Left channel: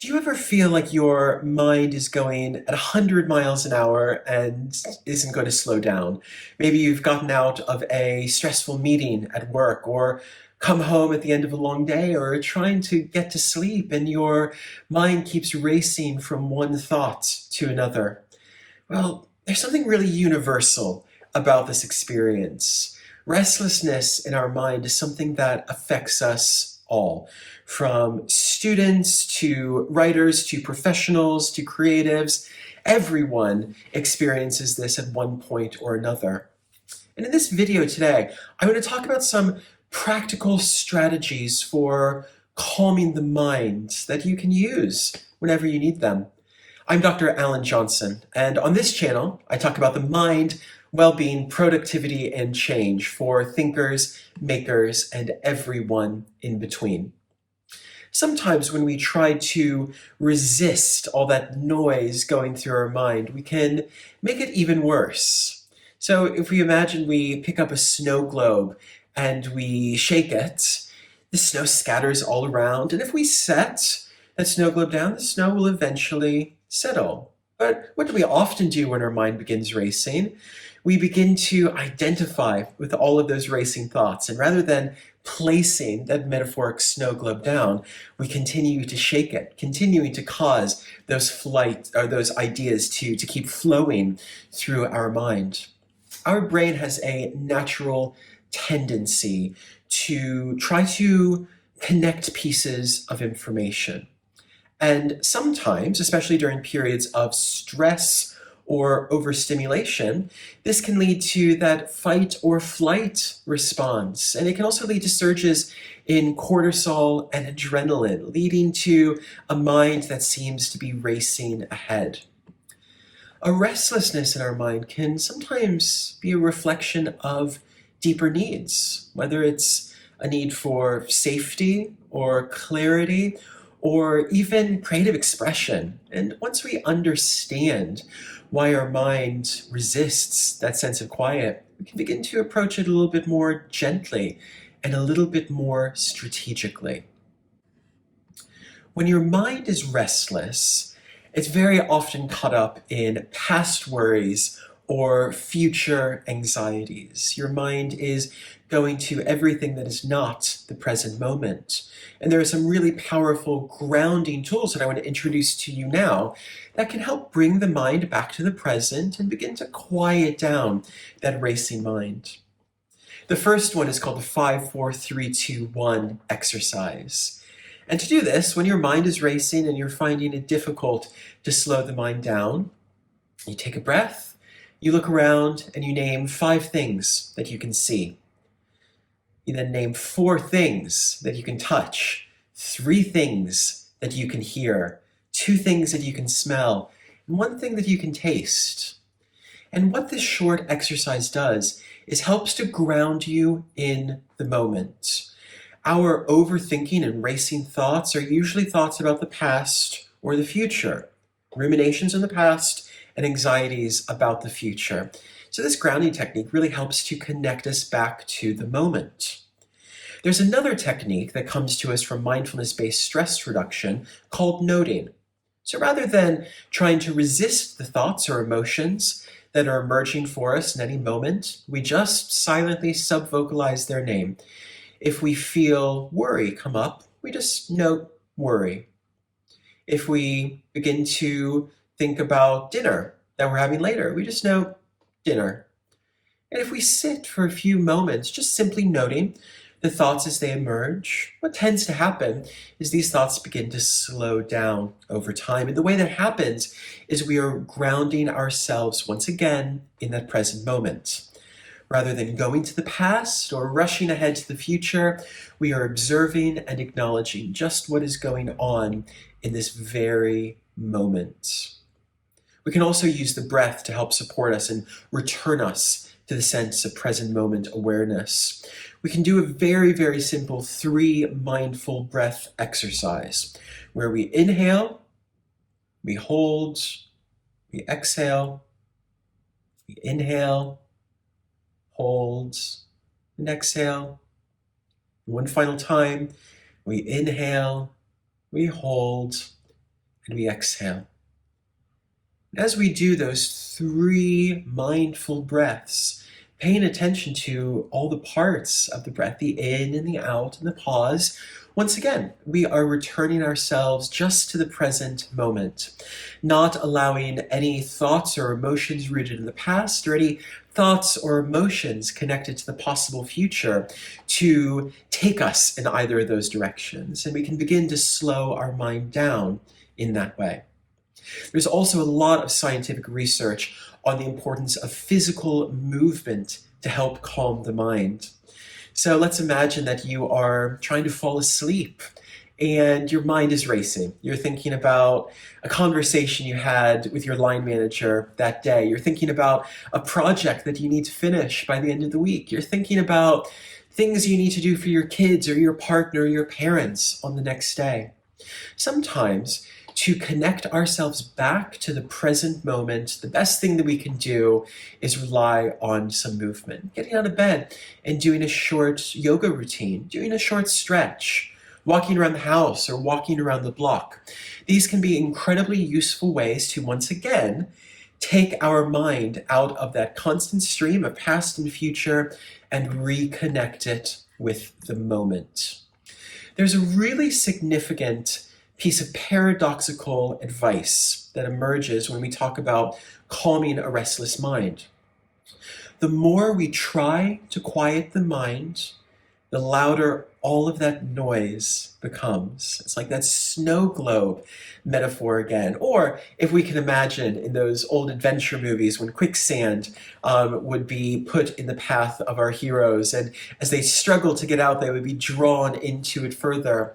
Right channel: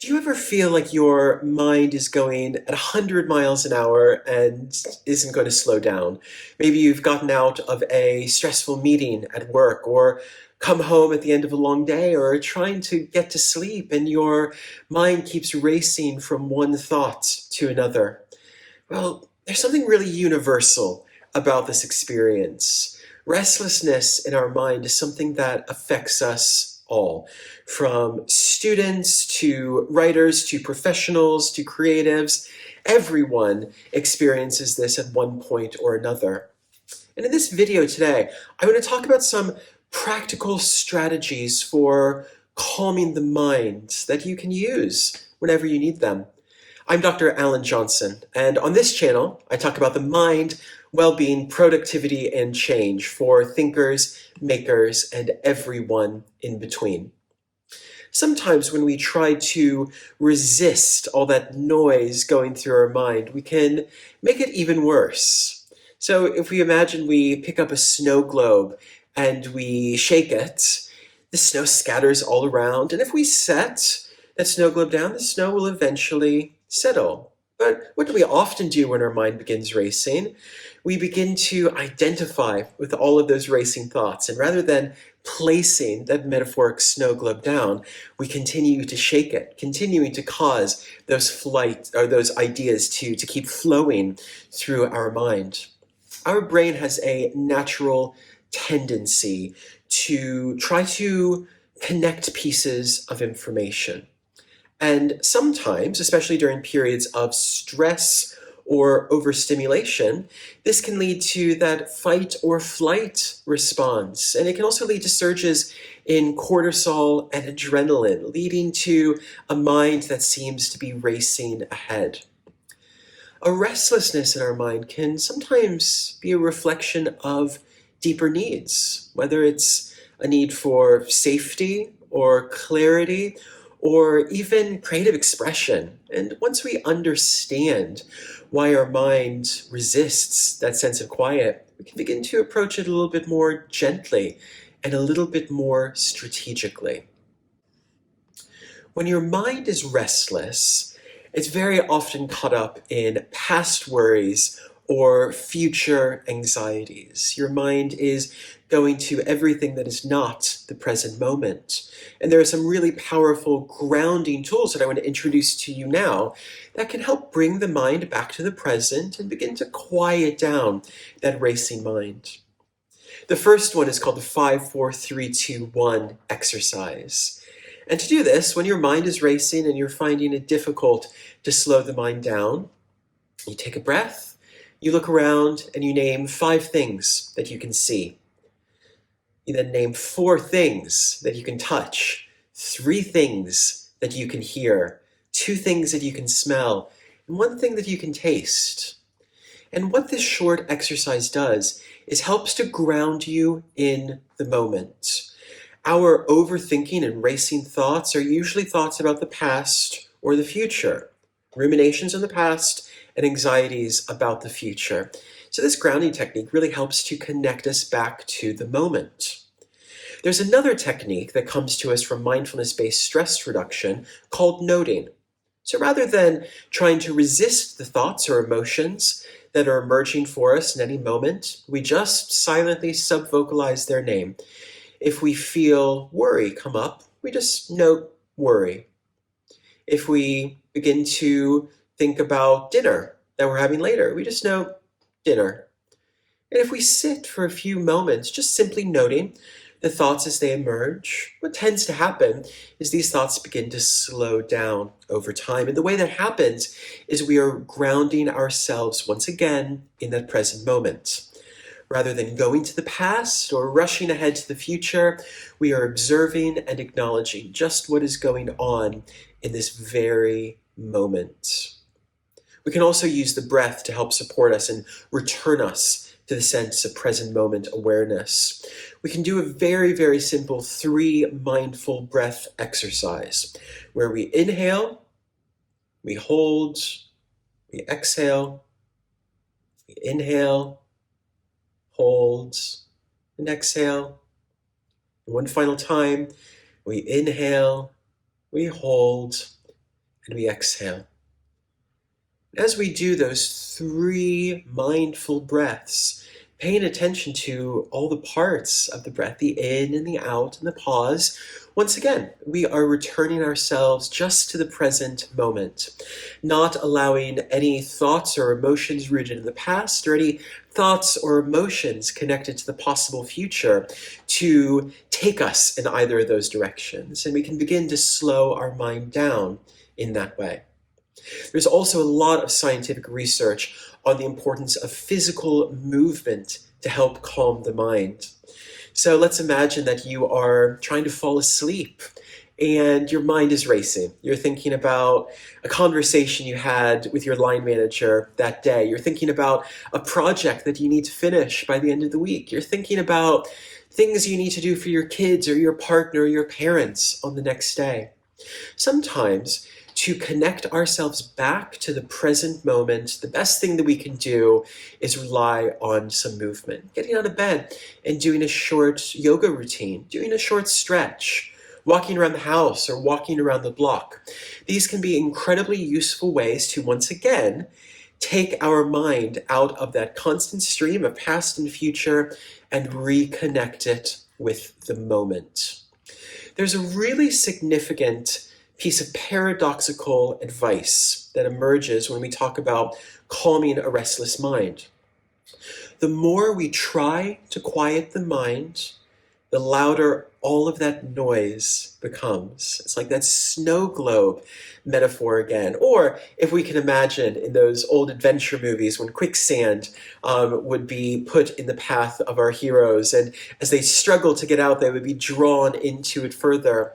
Do you ever feel like your mind is going at 100 miles an hour and isn't going to slow down? Maybe you've gotten out of a stressful meeting at work or come home at the end of a long day or trying to get to sleep and your mind keeps racing from one thought to another. Well, there's something really universal about this experience. Restlessness in our mind is something that affects us all, from students to writers to professionals to creatives. Everyone experiences this at one point or another. And in this video today, I'm going to talk about some practical strategies for calming the mind that you can use whenever you need them. I'm Dr. Alan Johnson, and on this channel, I talk about the mind, well-being, productivity, and change for thinkers, makers, and everyone in between. Sometimes when we try to resist all that noise going through our mind, we can make it even worse. So if we imagine we pick up a snow globe and we shake it, the snow scatters all around, and if we set that snow globe down, the snow will eventually settle. But what do we often do when our mind begins racing? We begin to identify with all of those racing thoughts, and rather than placing that metaphoric snow globe down, we continue to shake it, continuing to cause those ideas to keep flowing through our mind. Our brain has a natural tendency to try to connect pieces of information. And sometimes, especially during periods of stress or overstimulation, this can lead to that fight or flight response. And it can also lead to surges in cortisol and adrenaline, leading to a mind that seems to be racing ahead. A restlessness in our mind can sometimes be a reflection of deeper needs, whether it's a need for safety or clarity, or even creative expression. And once we understand why our mind resists that sense of quiet, we can begin to approach it a little bit more gently and a little bit more strategically. When your mind is restless, it's very often caught up in past worries or future anxieties. Your mind is going to everything that is not the present moment. And there are some really powerful grounding tools that I want to introduce to you now that can help bring the mind back to the present and begin to quiet down that racing mind. The first one is called the 5-4-3-2-1 exercise. And to do this, when your mind is racing and you're finding it difficult to slow the mind down, you take a breath, you look around, and you name 5 things that you can see. You then name 4 things that you can touch, 3 things that you can hear, 2 things that you can smell, and 1 thing that you can taste. And what this short exercise does is helps to ground you in the moment. Our overthinking and racing thoughts are usually thoughts about the past or the future, ruminations in the past and anxieties about the future. So this grounding technique really helps to connect us back to the moment. There's another technique that comes to us from mindfulness-based stress reduction called noting. So rather than trying to resist the thoughts or emotions that are emerging for us in any moment, we just silently subvocalize their name. If we feel worry come up, we just note worry. If we begin to think about dinner that we're having later, we just note dinner. And if we sit for a few moments, just simply noting the thoughts as they emerge, what tends to happen is these thoughts begin to slow down over time. And the way that happens is we are grounding ourselves once again in that present moment. Rather than going to the past or rushing ahead to the future, we are observing and acknowledging just what is going on in this very moment. We can also use the breath to help support us and return us to the sense of present moment awareness. We can do a very, very simple 3 mindful breath exercise where we inhale, we hold, we exhale, we inhale, hold, and exhale. And one final time, we inhale, we hold, and we exhale. As we do those 3 mindful breaths, paying attention to all the parts of the breath, the in and the out and the pause, once again, we are returning ourselves just to the present moment, not allowing any thoughts or emotions rooted in the past or any thoughts or emotions connected to the possible future to take us in either of those directions. And we can begin to slow our mind down in that way. There's also a lot of scientific research on the importance of physical movement to help calm the mind. So let's imagine that you are trying to fall asleep and your mind is racing. You're thinking about a conversation you had with your line manager that day. You're thinking about a project that you need to finish by the end of the week. You're thinking about things you need to do for your kids or your partner or your parents on the next day. Sometimes, to connect ourselves back to the present moment, the best thing that we can do is rely on some movement. Getting out of bed and doing a short yoga routine, doing a short stretch, walking around the house or walking around the block. These can be incredibly useful ways to, once again, take our mind out of that constant stream of past and future and reconnect it with the moment. There's a really significant piece of paradoxical advice that emerges when we talk about calming a restless mind. The more we try to quiet the mind, the louder all of that noise becomes. It's like that snow globe metaphor again. Or if we can imagine in those old adventure movies when quicksand would be put in the path of our heroes, and as they struggle to get out, they would be drawn into it further.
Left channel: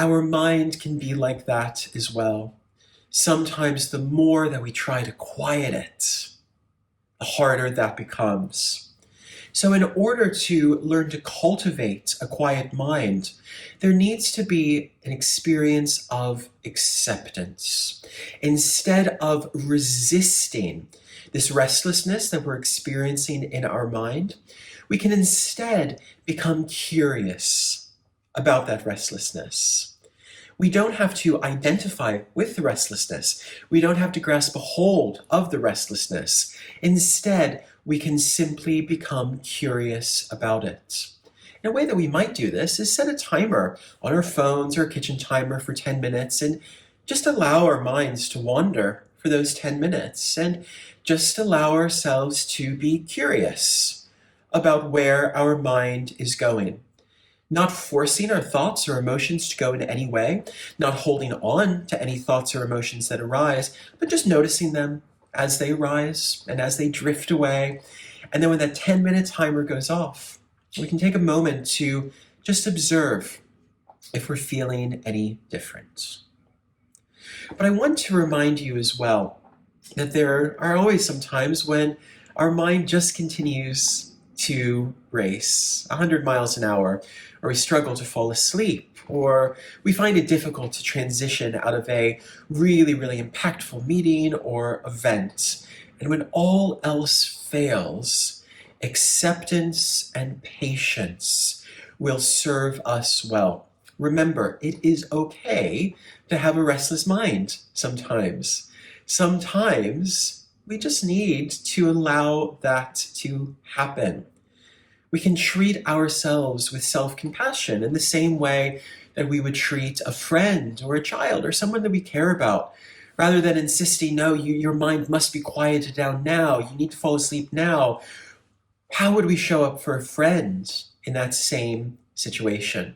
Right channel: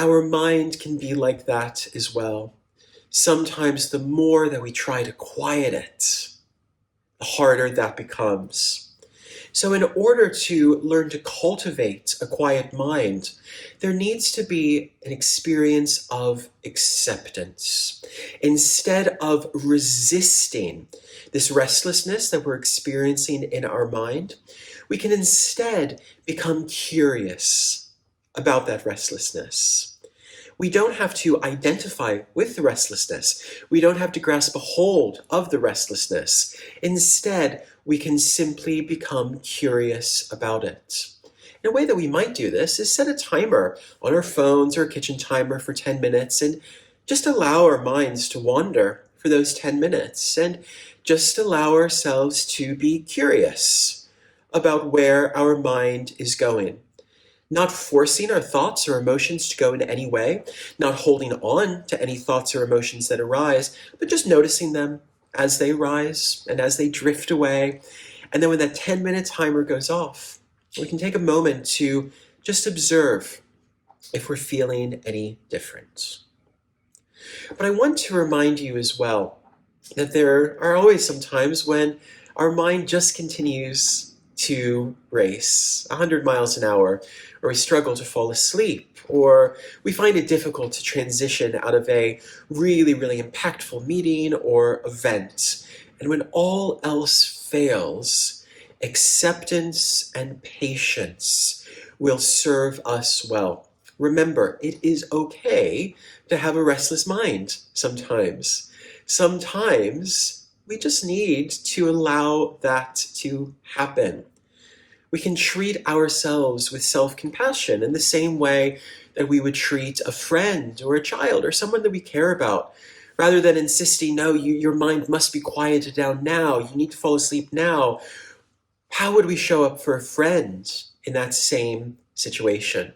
Our mind can be like that as well. Sometimes the more that we try to quiet it, the harder that becomes. So in order to learn to cultivate a quiet mind, there needs to be an experience of acceptance. Instead of resisting this restlessness that we're experiencing in our mind, we can instead become curious about that restlessness. We don't have to identify with the restlessness. We don't have to grasp a hold of the restlessness. Instead, we can simply become curious about it. And a way that we might do this is set a timer on our phones or a kitchen timer for 10 minutes and just allow our minds to wander for those 10 minutes and just allow ourselves to be curious about where our mind is going. Not forcing our thoughts or emotions to go in any way, not holding on to any thoughts or emotions that arise, but just noticing them as they rise and as they drift away. And then when that 10-minute timer goes off, we can take a moment to just observe if we're feeling any different. But I want to remind you as well that there are always some times when our mind just continues to race 100 miles an hour, or we struggle to fall asleep, or we find it difficult to transition out of a really, really impactful meeting or event. And when all else fails, acceptance and patience will serve us well. Remember, it is okay to have a restless mind sometimes. Sometimes we just need to allow that to happen. We can treat ourselves with self-compassion in the same way that we would treat a friend or a child or someone that we care about, rather than insisting, no, your mind must be quieted down now, you need to fall asleep now. How would we show up for a friend in that same situation?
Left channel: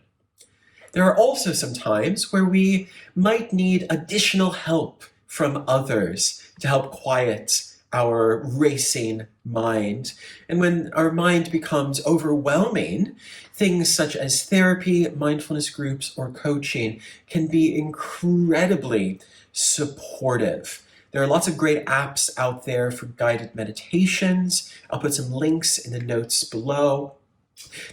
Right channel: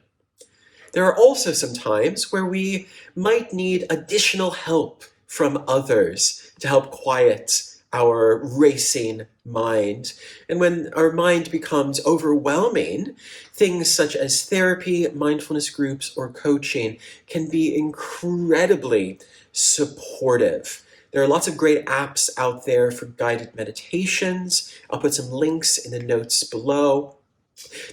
There are also some times where we might need additional help from others to help quiet our racing mind. And when our mind becomes overwhelming, things such as therapy, mindfulness groups, or coaching can be incredibly supportive. There are lots of great apps out there for guided meditations. I'll put some links in the notes below.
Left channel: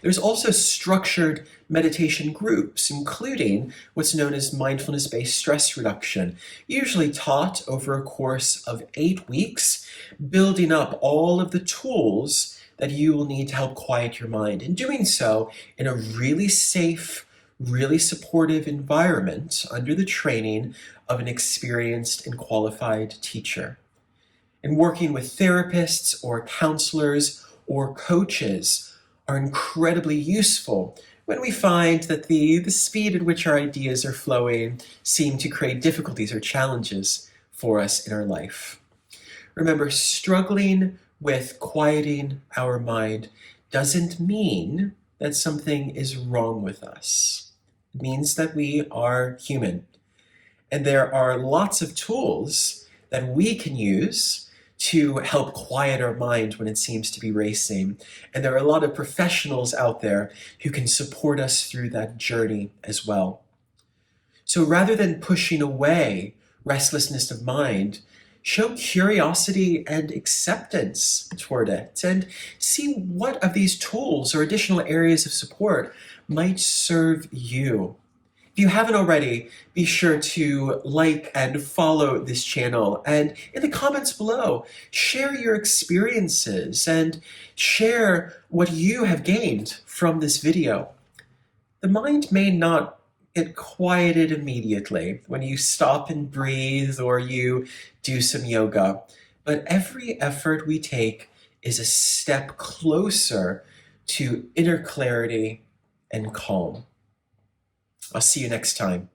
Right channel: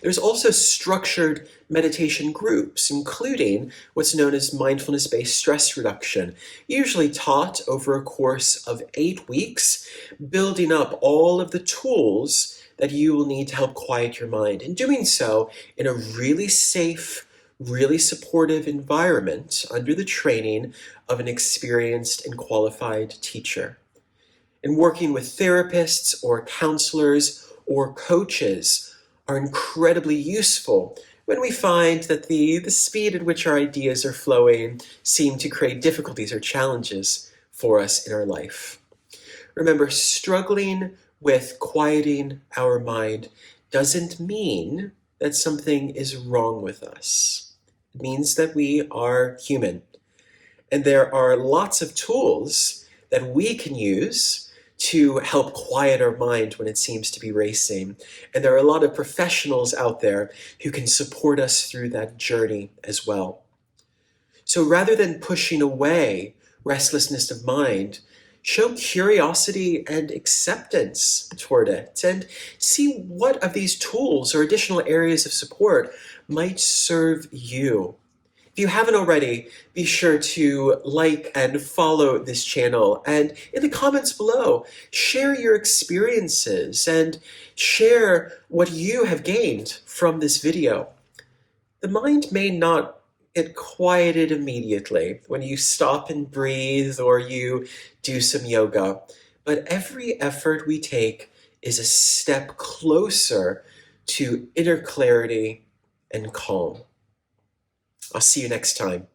There's also structured meditation groups, including what's known as mindfulness-based stress reduction, usually taught over a course of 8 weeks, building up all of the tools that you will need to help quiet your mind, and doing so in a really safe, really supportive environment under the training of an experienced and qualified teacher. And working with therapists or counselors or coaches are incredibly useful when we find that the speed at which our ideas are flowing seem to create difficulties or challenges for us in our life. Remember, struggling with quieting our mind doesn't mean that something is wrong with us. It means that we are human. And there are lots of tools that we can use to help quiet our mind when it seems to be racing. And there are a lot of professionals out there who can support us through that journey as well. So rather than pushing away restlessness of mind, show curiosity and acceptance toward it and see what of these tools or additional areas of support might serve you. If you haven't already, be sure to like and follow this channel. And in the comments below, share your experiences and share what you have gained from this video. The mind may not get quieted immediately when you stop and breathe or you do some yoga, but every effort we take is a step closer to inner clarity and calm. I'll see you next time.